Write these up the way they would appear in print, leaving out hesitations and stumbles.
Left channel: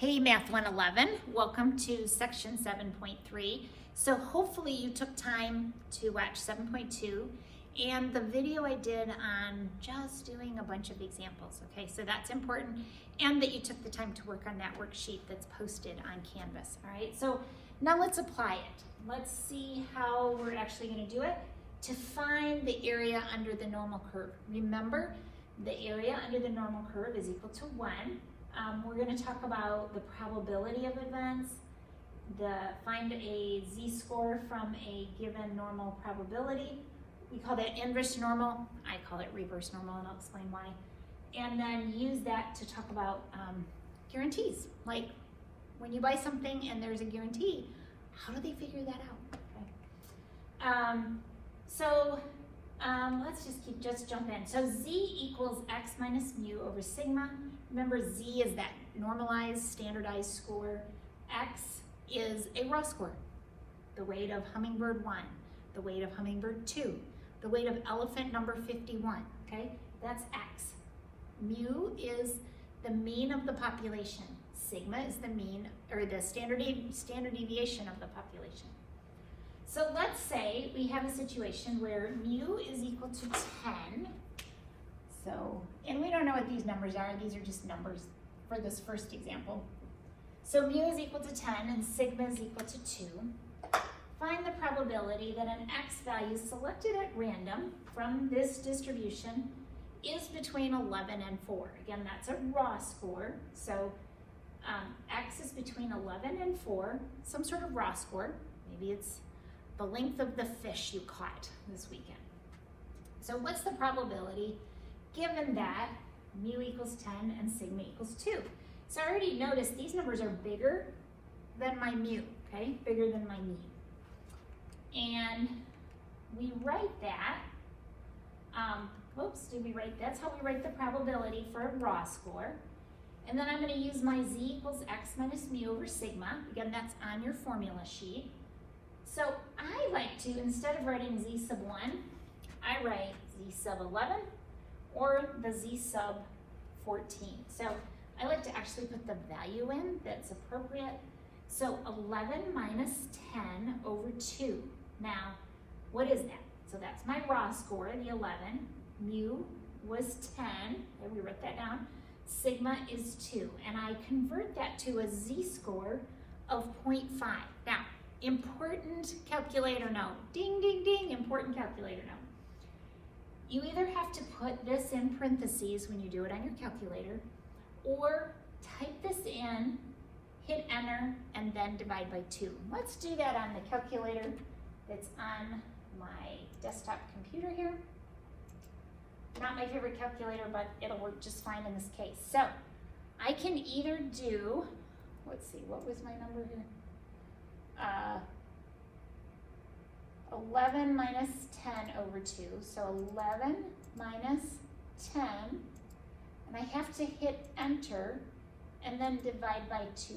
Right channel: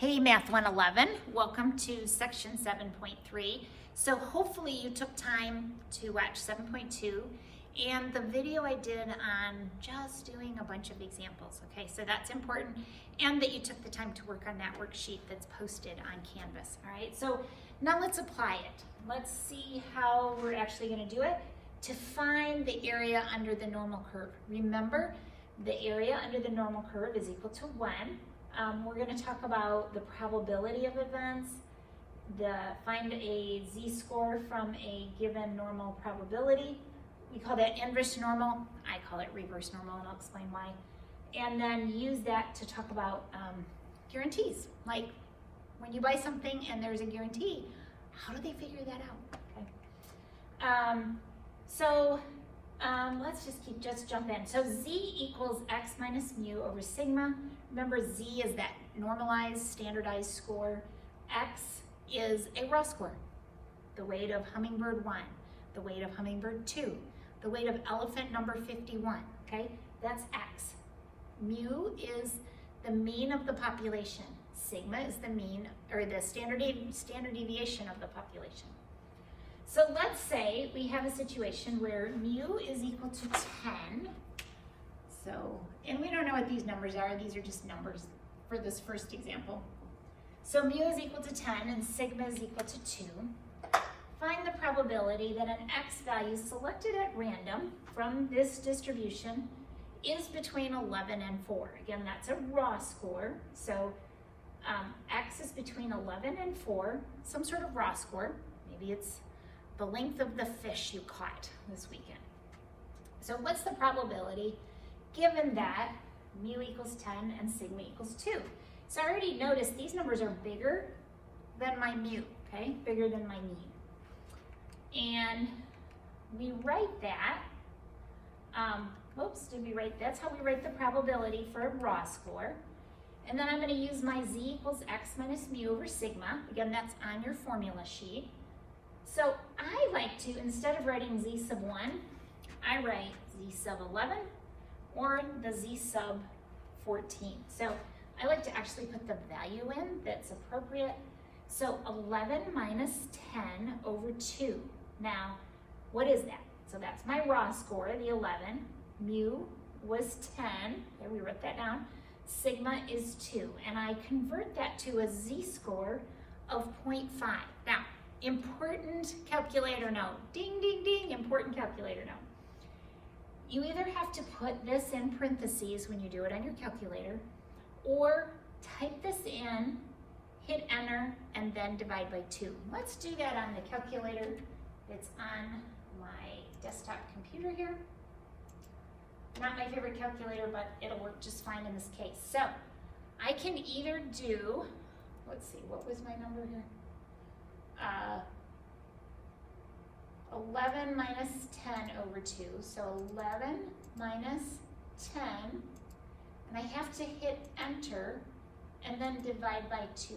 Hey Math 111, welcome to section 7.3. So hopefully you took time to watch 7.2 and the video I did on just doing a bunch of examples, okay? So that's important, and that you took the time to work on that worksheet that's posted on Canvas, all right? So now let's apply it. Let's see how we're actually gonna do it to find the area under the normal curve. Remember, the area under the normal curve is equal to 1. We're going to talk about the probability of events, find a z-score from a given normal probability. We call that inverse normal. I call it reverse normal, and I'll explain why. And then use that to talk about guarantees. Like when you buy something and there's a guarantee, how do they figure that out? Okay. Let's just jump in. So z equals x minus mu over sigma. Remember, z is that normalized, standardized score. X is a raw score. The weight of hummingbird 1, the weight of hummingbird 2, the weight of elephant number 51, okay? That's x. Mu is the mean of the population. Sigma is the mean, or the standard deviation of the population. So let's say we have a situation where mu is equal to 10. So, and we don't know what these numbers are. These are just numbers for this first example. So mu is equal to 10 and sigma is equal to 2. Find the probability that an x value selected at random from this distribution is between 11 and 4. Again, that's a raw score. So x is between 11 and 4, some sort of raw score. Maybe it's the length of the fish you caught this weekend. So what's the probability given that mu equals 10 and sigma equals 2? So I already noticed these numbers are bigger than my mu, okay? Bigger than my mean. And we write that, that's how we write the probability for a raw score. And then I'm gonna use my z equals x minus mu over sigma. Again, that's on your formula sheet. So I like to, instead of writing z sub 1, I write z sub 11 or the z sub 14. So I like to actually put the value in that's appropriate. So 11 minus 10 over 2. Now, what is that? So that's my raw score, the 11. Mu was 10. Okay, we wrote that down. Sigma is 2. And I convert that to a z-score of 0.5. Now, important calculator note. Ding, ding, ding, important calculator note. You either have to put this in parentheses when you do it on your calculator, or type this in, hit enter, and then divide by 2. Let's do that on the calculator that's on my desktop computer here. Not my favorite calculator, but it'll work just fine in this case. So I can either do, let's see, what was my number here? 11 minus 10 over 2, so 11 minus 10, and I have to hit enter and then divide by 2.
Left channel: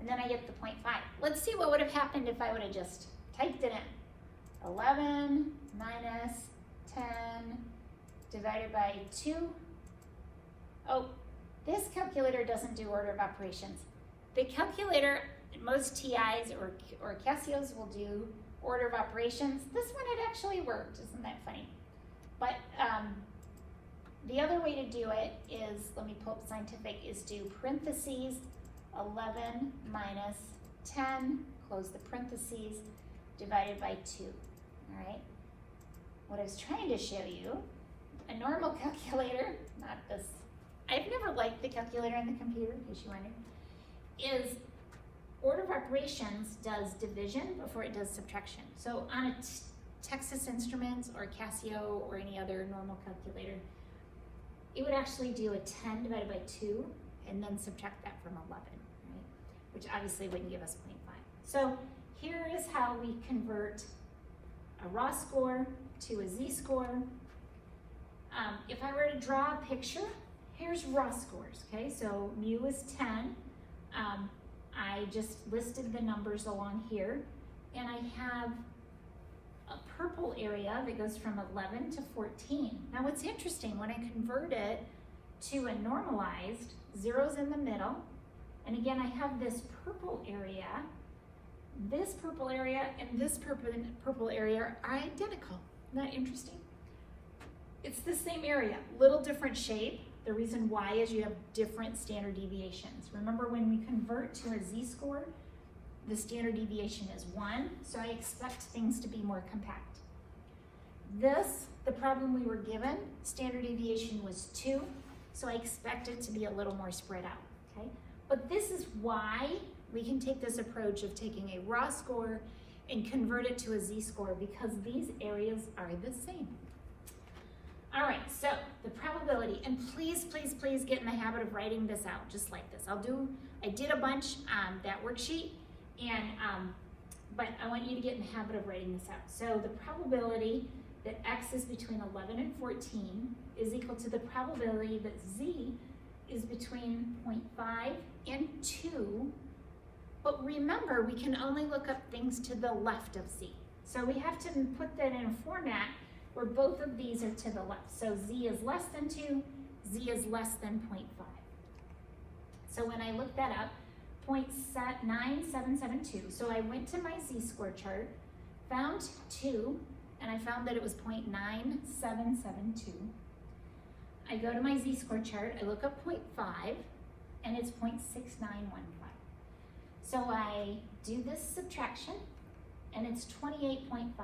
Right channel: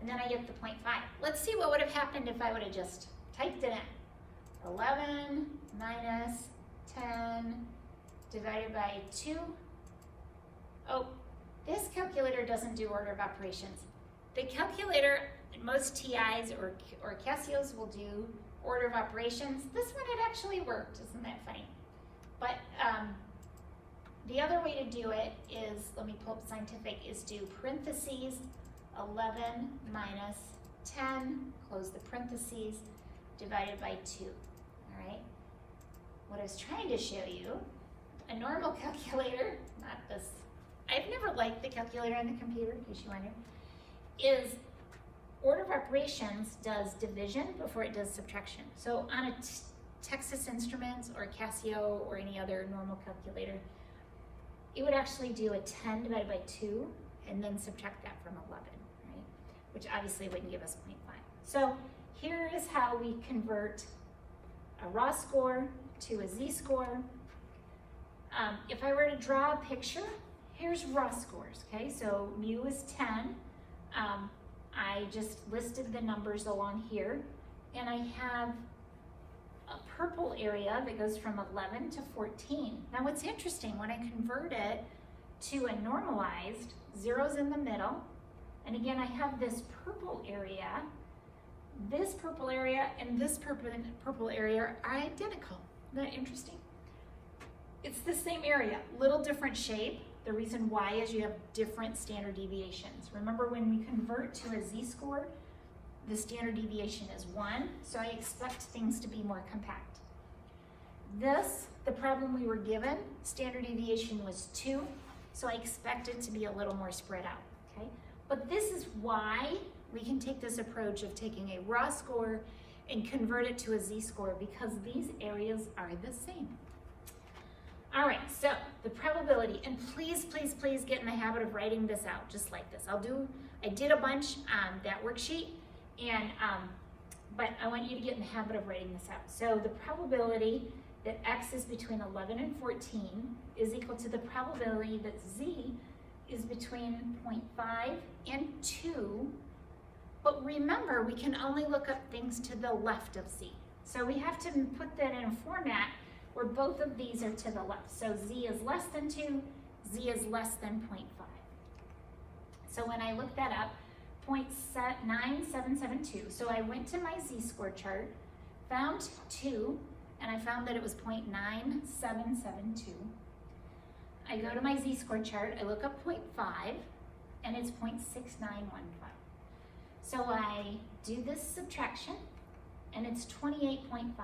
And then I get the 0.5. Let's see what would have happened if I would have just typed it in. 11 minus 10 divided by 2. Oh, this calculator doesn't do order of operations. The calculator, most TIs or Casios will do order of operations. This one, it actually worked. Isn't that funny? But the other way to do it is, let me pull up scientific, is do parentheses 11 minus 10, close the parentheses, divided by 2. All right? What I was trying to show you, a normal calculator, not this, I've never liked the calculator on the computer, in case you wonder, is order of operations does division before it does subtraction. So on a Texas Instruments or Casio or any other normal calculator, it would actually do a 10 divided by 2 and then subtract that from 11, right? Which obviously wouldn't give us 0.5. So here is how we convert a raw score to a z-score. If I were to draw a picture, here's raw scores, okay? So mu is 10. I just listed the numbers along here, and I have a purple area that goes from 11 to 14. Now what's interesting, when I convert it to a normalized, 0's in the middle, and again, I have this purple area, and this purple area are identical. Isn't that interesting? It's the same area, little different shape. The reason why is you have different standard deviations. Remember, when we convert to a z-score, the standard deviation is 1, so I expect things to be more compact. This, the problem we were given, standard deviation was 2, so I expect it to be a little more spread out, okay? But this is why we can take this approach of taking a raw score and convert it to a z-score, because these areas are the same. All right, so the probability, and please, please, please get in the habit of writing this out just like this. I did a bunch on that worksheet, and but I want you to get in the habit of writing this out. So the probability that x is between 11 and 14 is equal to the probability that z is between 0.5 and 2. But remember, we can only look up things to the left of z. So we have to put that in a format where both of these are to the left. So z is less than 2, z is less than 0.5. So when I looked that up, 0.9772. So I went to my z-score chart, found 2, and I found that it was 0.9772. I go to my z-score chart, I look up 0.5, and it's 0.6915. So I do this subtraction, and it's 28.57,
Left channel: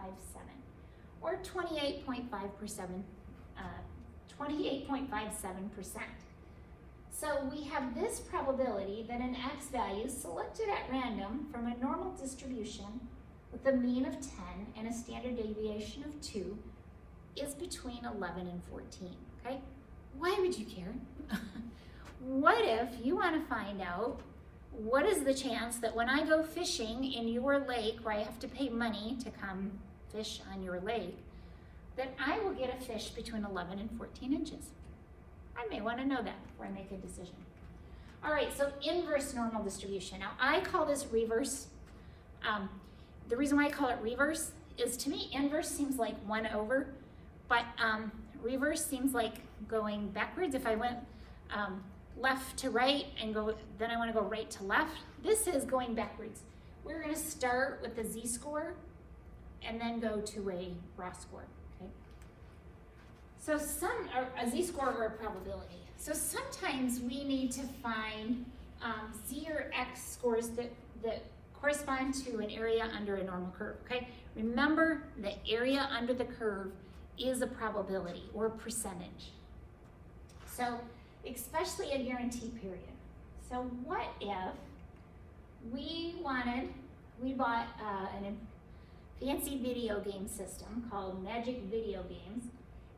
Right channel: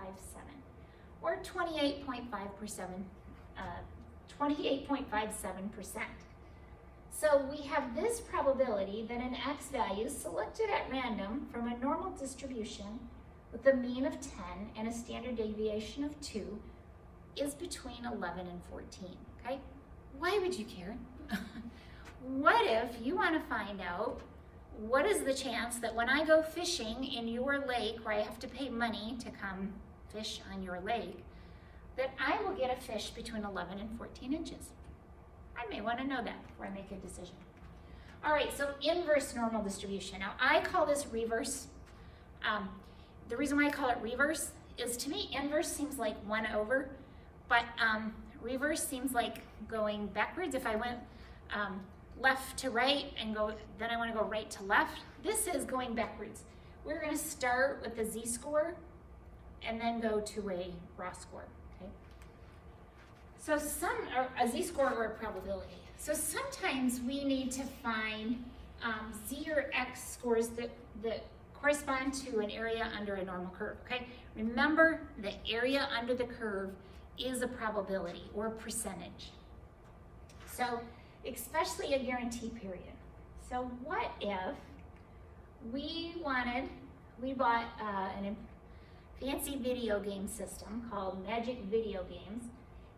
or 28.57%. So we have this probability that an x value selected at random from a normal distribution with a mean of 10 and a standard deviation of 2 is between 11 and 14, okay? Why would you care? What if you want to find out what is the chance that when I go fishing in your lake, where I have to pay money to come fish on your lake, that I will get a fish between 11 and 14 inches? I may want to know that before I make a decision. All right, so inverse normal distribution. Now, I call this reverse. The reason why I call it reverse is, to me, inverse seems like 1 over, but reverse seems like going backwards. If I went left to right and then I want to go right to left. This is going backwards. We're going to start with the z-score and then go to a raw score. So a z-score or a probability. So sometimes we need to find z or x scores that correspond to an area under a normal curve, okay? Remember, the area under the curve is a probability or a percentage. So especially a guarantee period. So what if we bought a fancy video game system called Magic Video Games,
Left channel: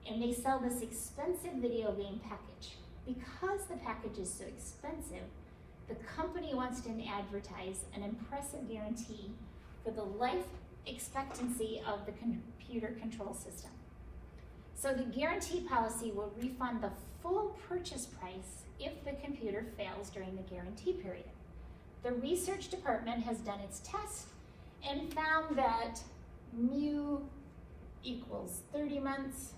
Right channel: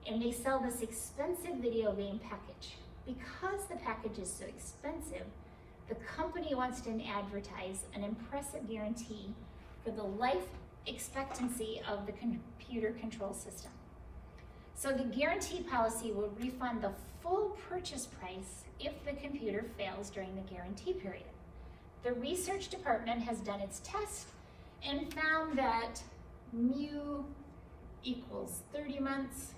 and they sell this expensive video game package. Because the package is so expensive, the company wants to advertise an impressive guarantee for the life expectancy of the computer control system. So the guarantee policy will refund the full purchase price if the computer fails during the guarantee period. The research department has done its test and found that mu equals 30 months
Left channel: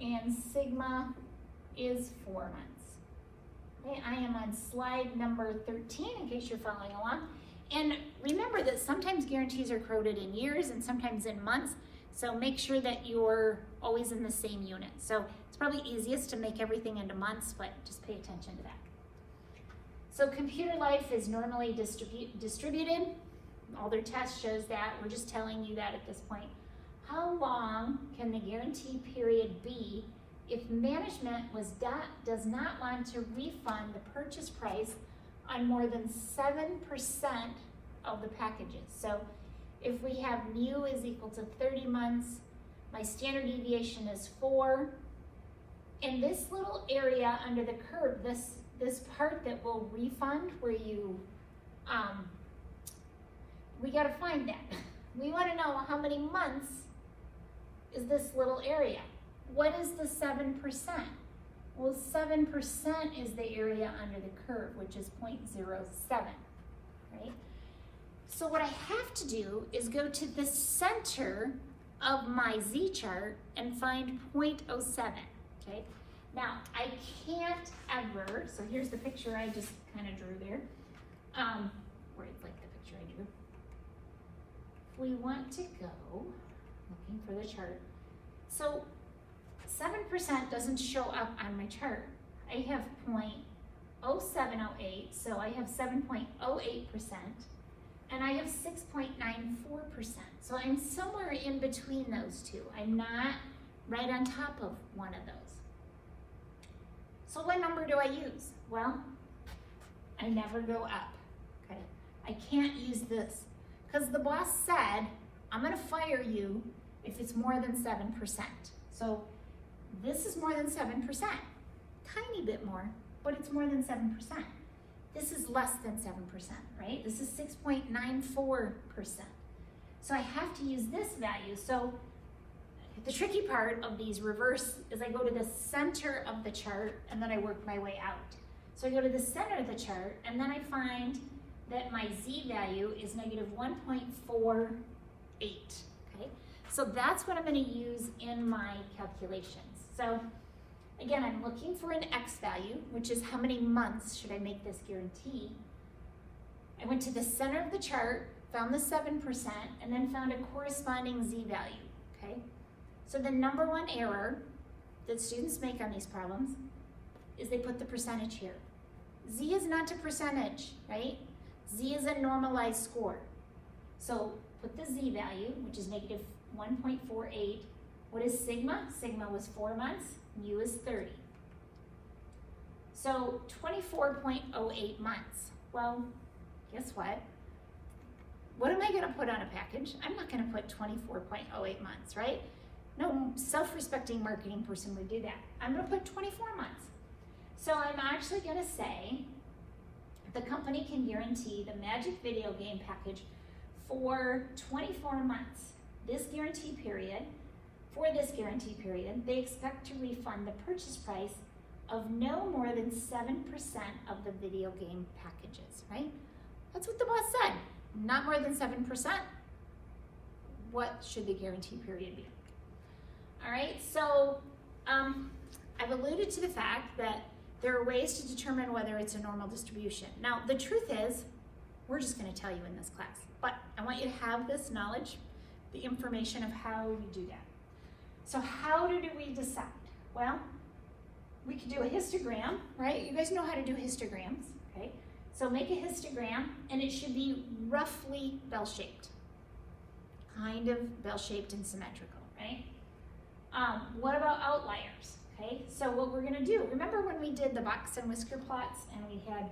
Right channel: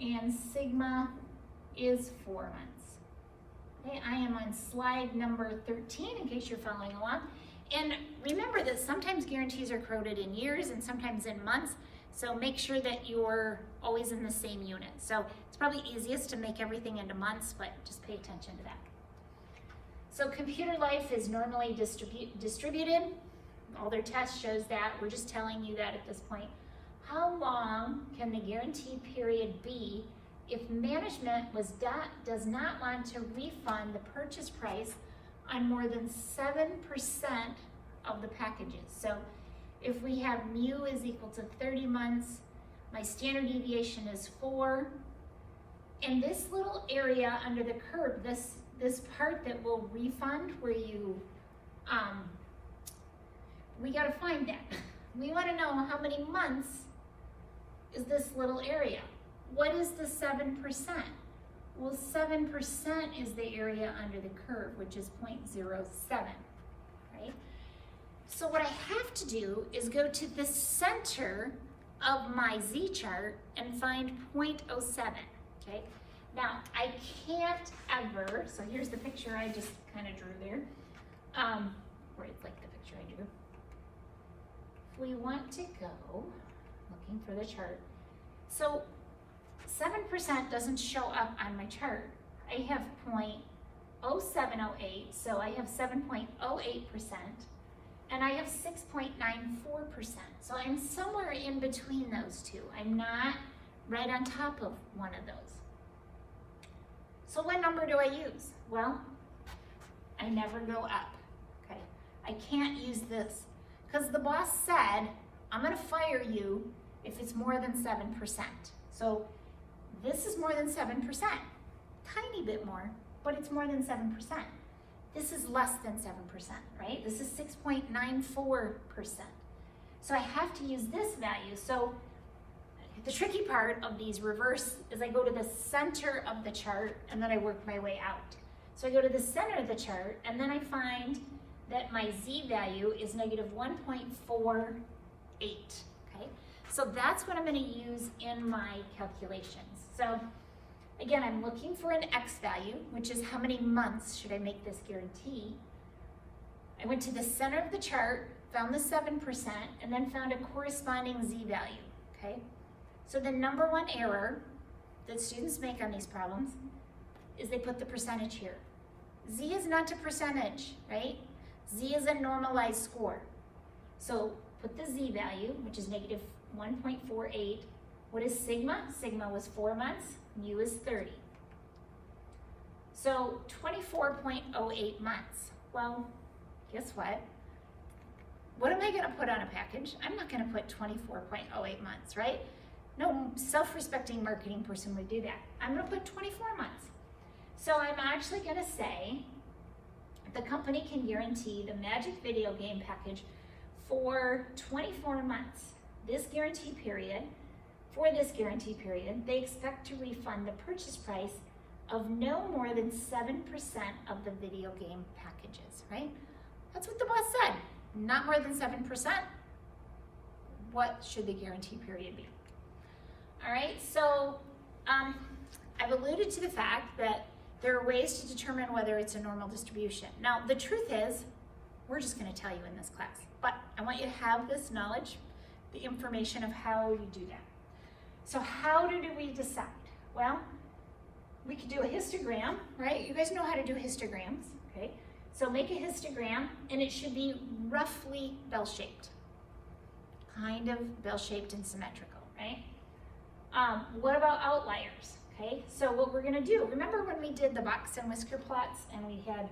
and sigma is 4 months. Okay, I am on slide number 13 in case you're following along. And remember that sometimes guarantees are coded in years and sometimes in months, so make sure that you're always in the same unit. So it's probably easiest to make everything into months, but just pay attention to that. So computer life is normally distributed. All their tests shows that. We're just telling you that at this point. How long can the guarantee period be if management does not want to refund the purchase price on more than 7% of the packages? So if we have mu is equal to 30 months, my standard deviation is 4, and this little area under the curve, this part that will refund where you, we gotta find that. We wanna know how many months is this little area. What is the 7%? Well, 7% is the area under the curve, which is 0.07, right? So what I have to do is go to the center of my z-chart and find 0.07, okay? Now, I can't ever, so here's the picture I just kind of drew there, or it's like the picture I drew. If we want to go, looking for the chart, so 7% doesn't show up on my chart. I have 0.0708, so I have 7.08%, and I have 6.94%. So I'm somewhere in between those two. I'm not right on top of one of those. So what number do I use? Well, I never go up, okay? I can't use this, because the boss said, I'm gonna fire you if it's more than 7%. So this is more than 7%, tiny bit more, but it's more than 7%. This is less than 7%, right? This is 6.94%. So I have to use this value. So the tricky part of these reverse is I go to the center of the chart and then I work my way out. So I go to the center of the chart and then I find that my z value is negative 1.48, okay? So that's what I'm gonna use in my calculations. So again, I'm looking for an x value, which is how many months should I make this guarantee. I went to the center of the chart, found the 7%, and then found a corresponding z value, okay? So the number one error that students make on these problems is they put the percentage here. Z is not a percentage, right? Z is a normalized score. So put the z value, which is negative 1.48. What is sigma? Sigma was 4 months, mu is 30. So 24.08 months. Well, guess what? What am I gonna put on a package? I'm not gonna put 24.08 months, right? No self-respecting marketing person would do that. I'm gonna put 24 months. So I'm actually gonna say the company can guarantee the Magic video game package for 24 months. This guarantee period, for this guarantee period, they expect to refund the purchase price of no more than 7% of the video game packages, right? That's what the boss said, not more than 7%. What should the guarantee period be? All right, so I've alluded to the fact that there are ways to determine whether it's a normal distribution. Now, the truth is, we're just gonna tell you in this class, but I want you to have this knowledge, the information of how you do that. So how do we decide? Well, we could do a histogram, right? You guys know how to do histograms, okay? So make a histogram, and it should be roughly bell-shaped. Kind of bell-shaped and symmetrical, right? What about outliers, okay? So what we're gonna do, remember when we did the box and whisker plots and we had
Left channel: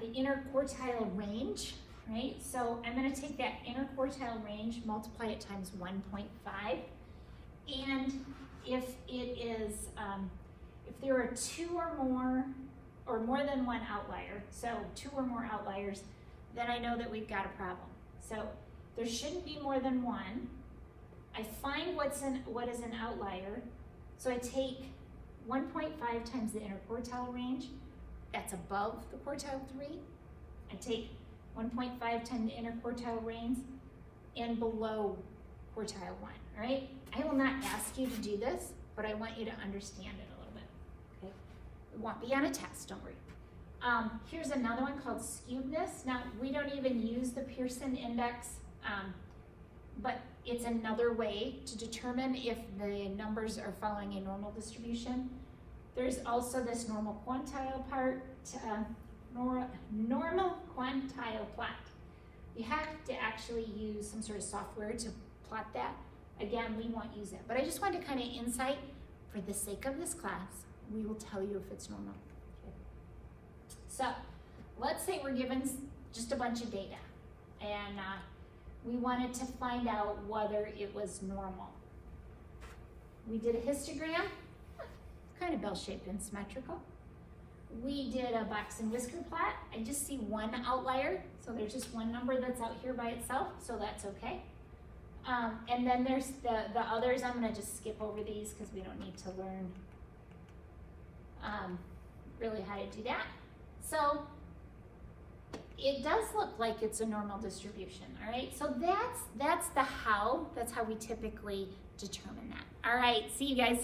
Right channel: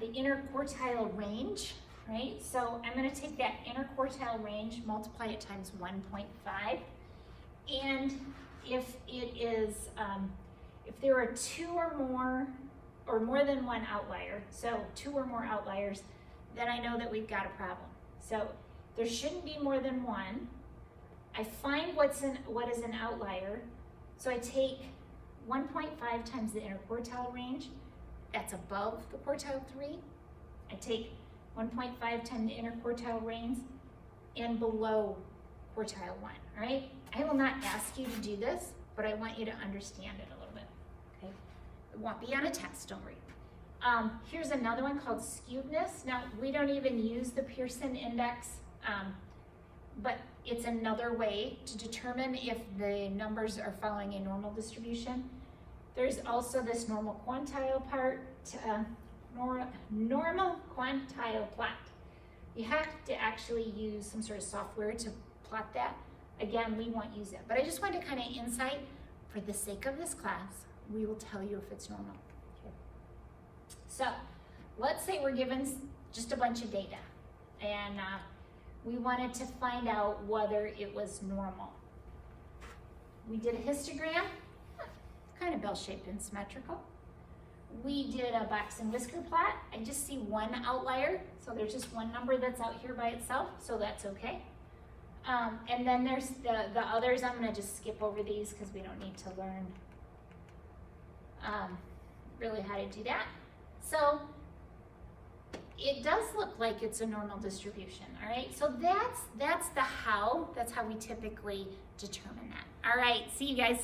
the inner quartile range, right? So I'm gonna take that inner quartile range, multiply it times 1.5, and if it is, if there are two or more than one outlier, so 2 or more outliers, then I know that we've got a problem. So there shouldn't be more than one. I find what is an outlier, so I take 1.5 times the inner quartile range, that's above the quartile 3. I take 1.5 times the inner quartile range and below quartile 1, all right? I will not ask you to do this, but I want you to understand it a little bit, okay? It won't be on a test, don't worry. Here's another one called skewedness. Now, we don't even use the Pearson index, but it's another way to determine if the numbers are following a normal distribution. There's also this normal quantile part, normal quantile plot. You have to actually use some sort of software to plot that. Again, we won't use it, but I just wanted to kind of insight, for the sake of this class, we will tell you if it's normal. Okay. So let's say we're given just a bunch of data, and we wanted to find out whether it was normal. We did a histogram, kind of bell-shaped and symmetrical. We did a box and whisker plot. I just see one outlier, so there's just one number that's out here by itself, so that's okay. And then there's the others. I'm gonna just skip over these because we don't need to learn really how to do that. So it does look like it's a normal distribution, all right? So that's how we typically determine that. All right, see you guys.